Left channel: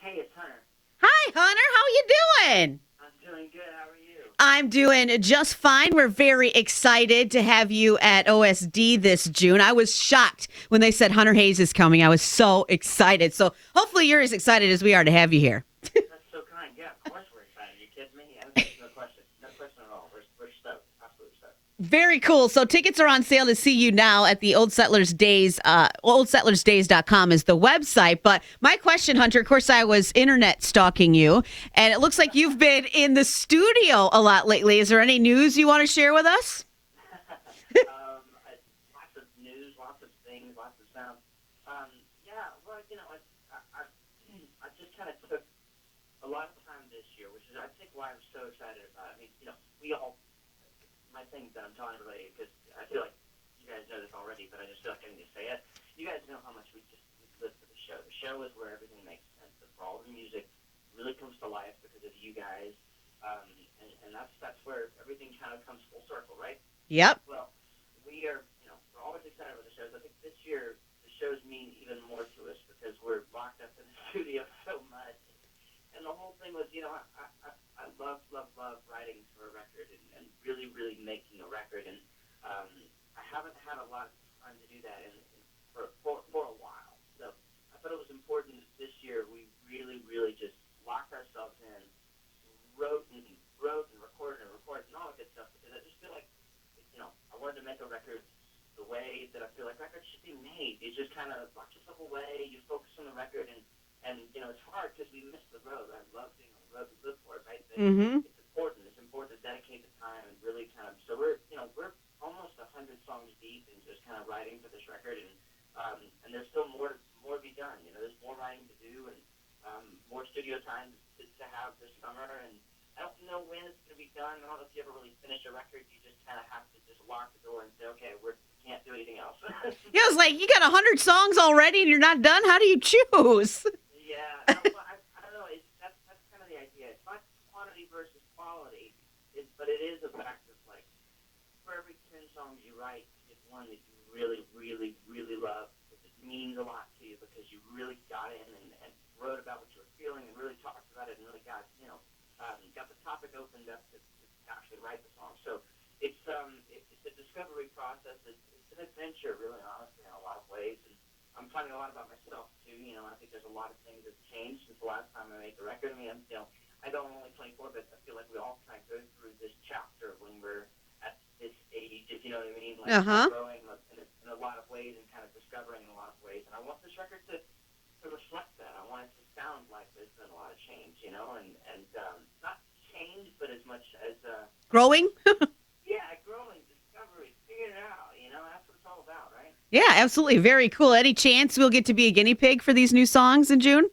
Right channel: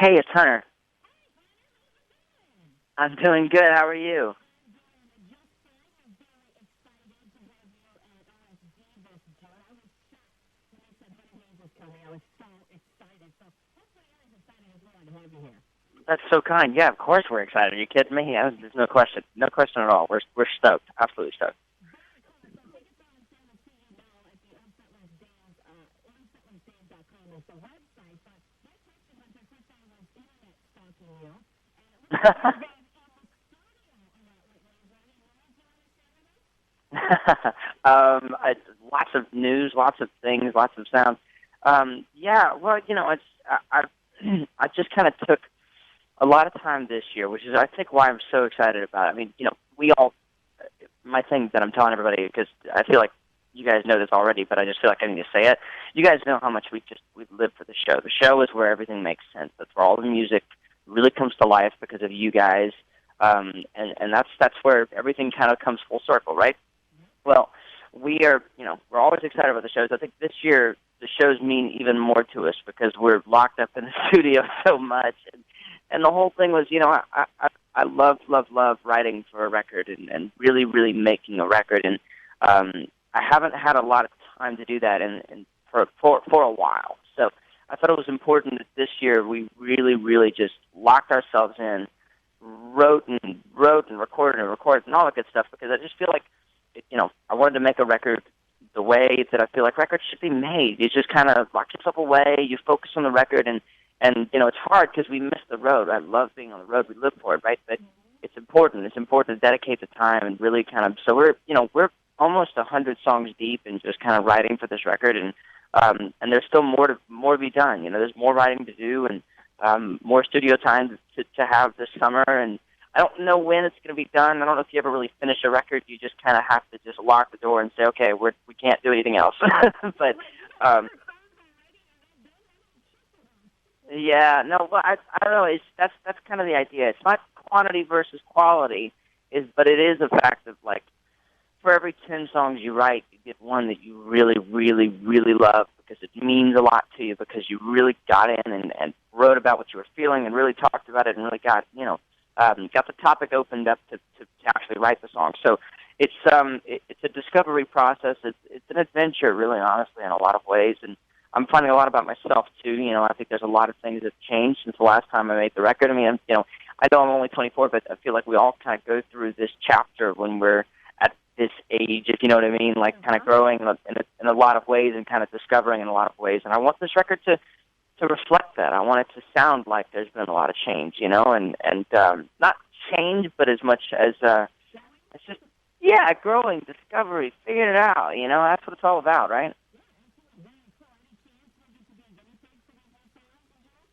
Hey, it's Hunter. Hi, Hunter. How you doing? I'm doing good. How are you? I'm doing just fine. We're very excited to have you at OSD this June. I was shocked when they said Hunter Hayes is coming. I was so excited. So hopefully you're as excited as we are to have you here. That's so kind. Yeah, of course we're excited. Are you kidding me? There's no question. No question at all. We're stoked. Absolutely stoked. Very cool. So tickets are on sale to see you now at the Old Settlers Days. OldSettlersDays.com is the website. But my question, Hunter, of course, I was internet stalking you, and it looks like you've been in the studio a lot lately. Is there any news you want to share with us? Lots of news, lots of things, lots of sounds. Yeah, well, it's I just kind of took a lot of time this year, which is I think why I'm so excited about it. I mean, we all. My thing that I'm telling everybody, because I feel like you guys know this already, but I just feel like I need to say it. You guys know how much we live for the show. The show is where everything makes sense. That's where all the music really comes to life because of you guys, and that's where everything kind of comes full circle, right? Yep. Well, we're always excited about the shows. I think this year the shows mean even more to us because we're locked up in the studio so much, and the whole thing was, I love writing for a record and really, really making a record. And I haven't had a lot of time to do that for a while. So I thought it was important that this year we really, really just locked ourselves in, wrote and recorded and all that good stuff because I just feel like, I wanted to make a record the way that I feel like records should be made. You just kind of lock yourself away, you focus on the record, and it's hard because we miss the road. I love being on the road. We live for it, right? But it's important. It's important to dedicate the time and really kind of. So we're almost 100 songs deep and just kind of writing for this record, and there's still more to be done. There's more writing to do and more studio time to have this summer. And I don't know when it's going to be done. I don't know if you ever really finish a record. You just kind of have to just lock the door and say, okay, we can't do anything else. Yeah, it's like you got 100 songs already and you're not done. How do you choose? Yeah, no, well, I don't know. That's kind of the idea. It's not quantity versus quality, but it is a fact of like, for every 10 songs you write, you get one that you really, really, really love because it means a lot to you because you really got in and wrote about what you were feeling and really talked about it and really got the topic opened up to actually write the song. So it's a discovery process. It's an adventure, really, honestly, in a lot of ways. And I'm finding a lot about myself too. I think there's a lot of things that changed since the last time I made the record. I mean, I know I'm only 24, but I feel like we all kind of go through this chapter when we're at this age, if you know what I mean, like kind of growing in a lot of ways and kind of discovering in a lot of ways. And I want this record to reflect that. I want it to sound like there's been a lot of change, and not change, but as much as growing. Yeah, growing, discovery, figuring it out. That's what it's all about, right? Yeah, absolutely. Very cool. Any chance we'll get to be a guinea pig for these new songs in June?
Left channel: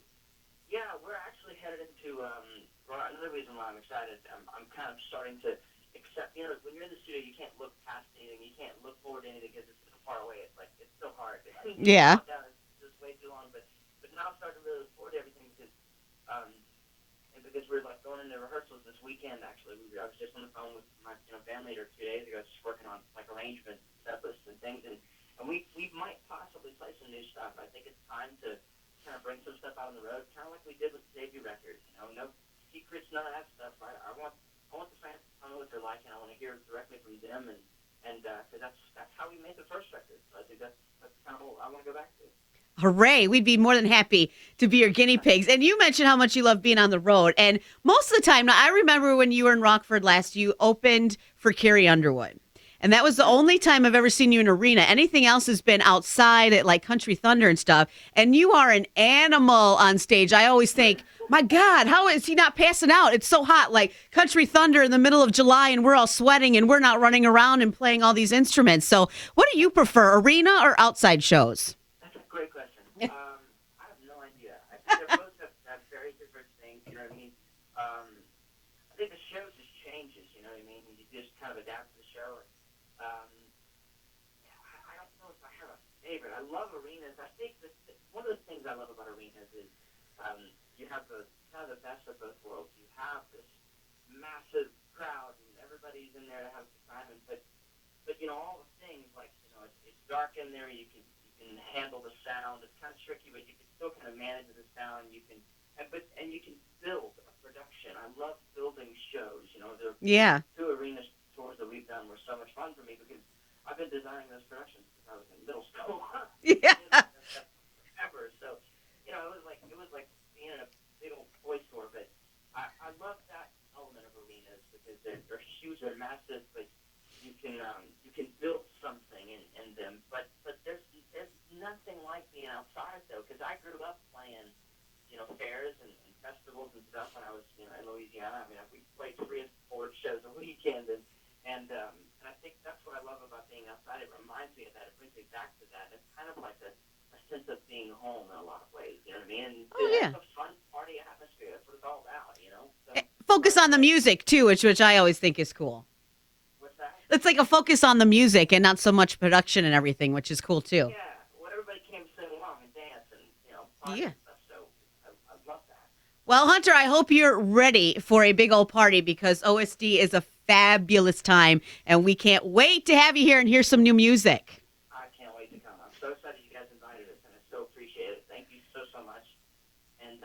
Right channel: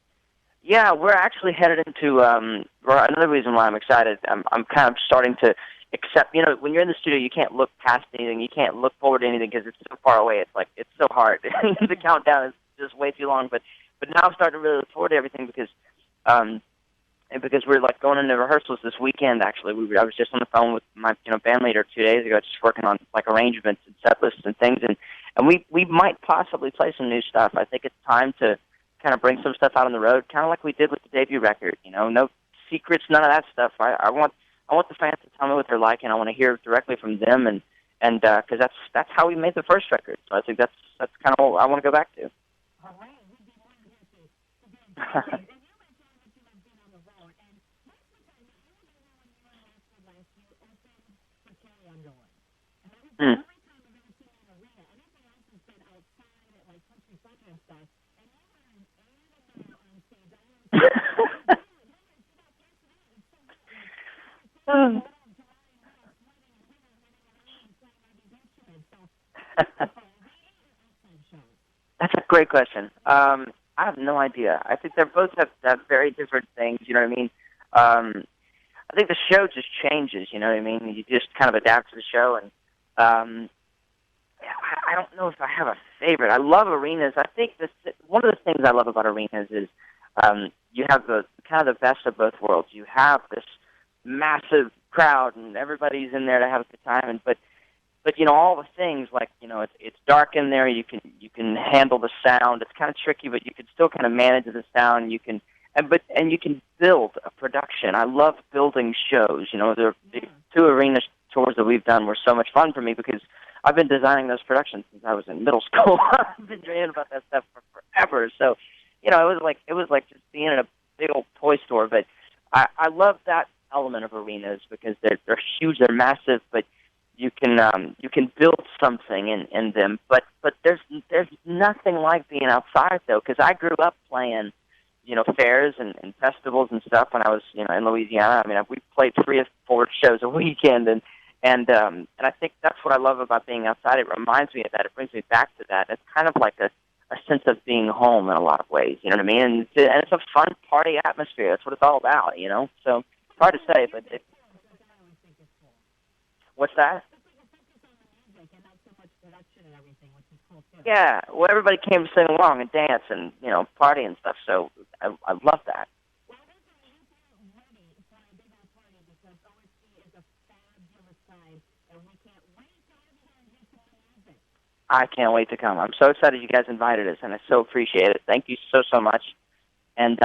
Yeah, we're actually headed into another reason why I'm excited. I'm kind of starting to accept. When you're in the studio, you can't look past anything. You can't look forward to anything because it's so far away. It's like it's so hard. The countdown is just way too long. But now I'm starting to really look forward to everything because we're like going into rehearsals this weekend. Actually, I was just on the phone with my band leader 2 days ago, just working on like arrangements and set lists and things, and we might possibly play some new stuff. I think it's time to kind of bring some stuff out on the road, kind of like we did with the debut record. No secrets, none of that stuff. I want the fans to tell me what they're like, and I want to hear directly from them, and because that's how we made the first record. So I think that's kind of what I want to go back to. Hooray. We'd be more than happy to be your guinea pigs. And you mentioned how much you love being on the road. And most of the time, now I remember when you were in Rockford last, you opened for Carrie Underwood. And that was the only time I've ever seen you in an arena. Anything else has been outside at like Country Thunder and stuff. And you are an animal on stage. I always think, my God, how is he not passing out? It's so hot. Like Country Thunder in the middle of July and we're all sweating and we're not running around and playing all these instruments. So what do you prefer, arena or outside shows? That's a great question. I have no idea. I think they both have very different things. You know what I mean? I think the show just changes. You know what I mean? You just kind of adapt to the show, and I don't know if I have a favorite. I love arenas. I think one of the things I love about arenas is you have the kind of the best of both worlds. You have this massive crowd, and everybody's in there to have a good time, but all the things like it's dark in there. You can handle the sound. It's kind of tricky, but you can still kind of manage the sound. and you can build a production. I love building shows. There Yeah. two arena tours that we've done were so much fun for me because I've been designing those productions since I was in middle school. I've been thinking about that stuff for forever. So, it was like just being in a big old toy store. But I love that element of arenas because they're huge, they're massive, but you can build something in them. But there's nothing like being outside though, because I grew up playing fairs and festivals and stuff when I was in Louisiana. I mean, we played 3 or 4 shows a weekend, and I think that's what I love about being outside. It reminds me of that. It brings me back to that. It's kind of like a sense of being home in a lot of ways. You know what I mean? And it's a fun party atmosphere. That's what it's all about. So focus on the music too, which I always think is cool. What's that? It's like a focus on the music and not so much production and everything, which is cool too. Yeah. Well, everybody came to sing along and dance and party and stuff. So I love that. Well, Hunter, I hope you're ready for a big old party because OSD is a fabulous time, and we can't wait to have you here and hear some new music. I can't wait to come. I'm so excited you guys invited us, and I so appreciate it. Thank you so much. And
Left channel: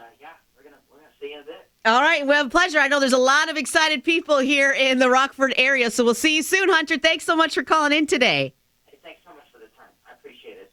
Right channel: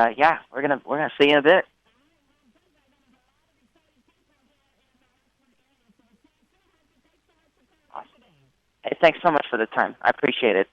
we're gonna see you in a bit. All right, well, pleasure. I know there's a lot of excited people here in the Rockford area, so we'll see you soon, Hunter. Thanks so much for calling in today. Hey, thanks so much for the time. I appreciate it.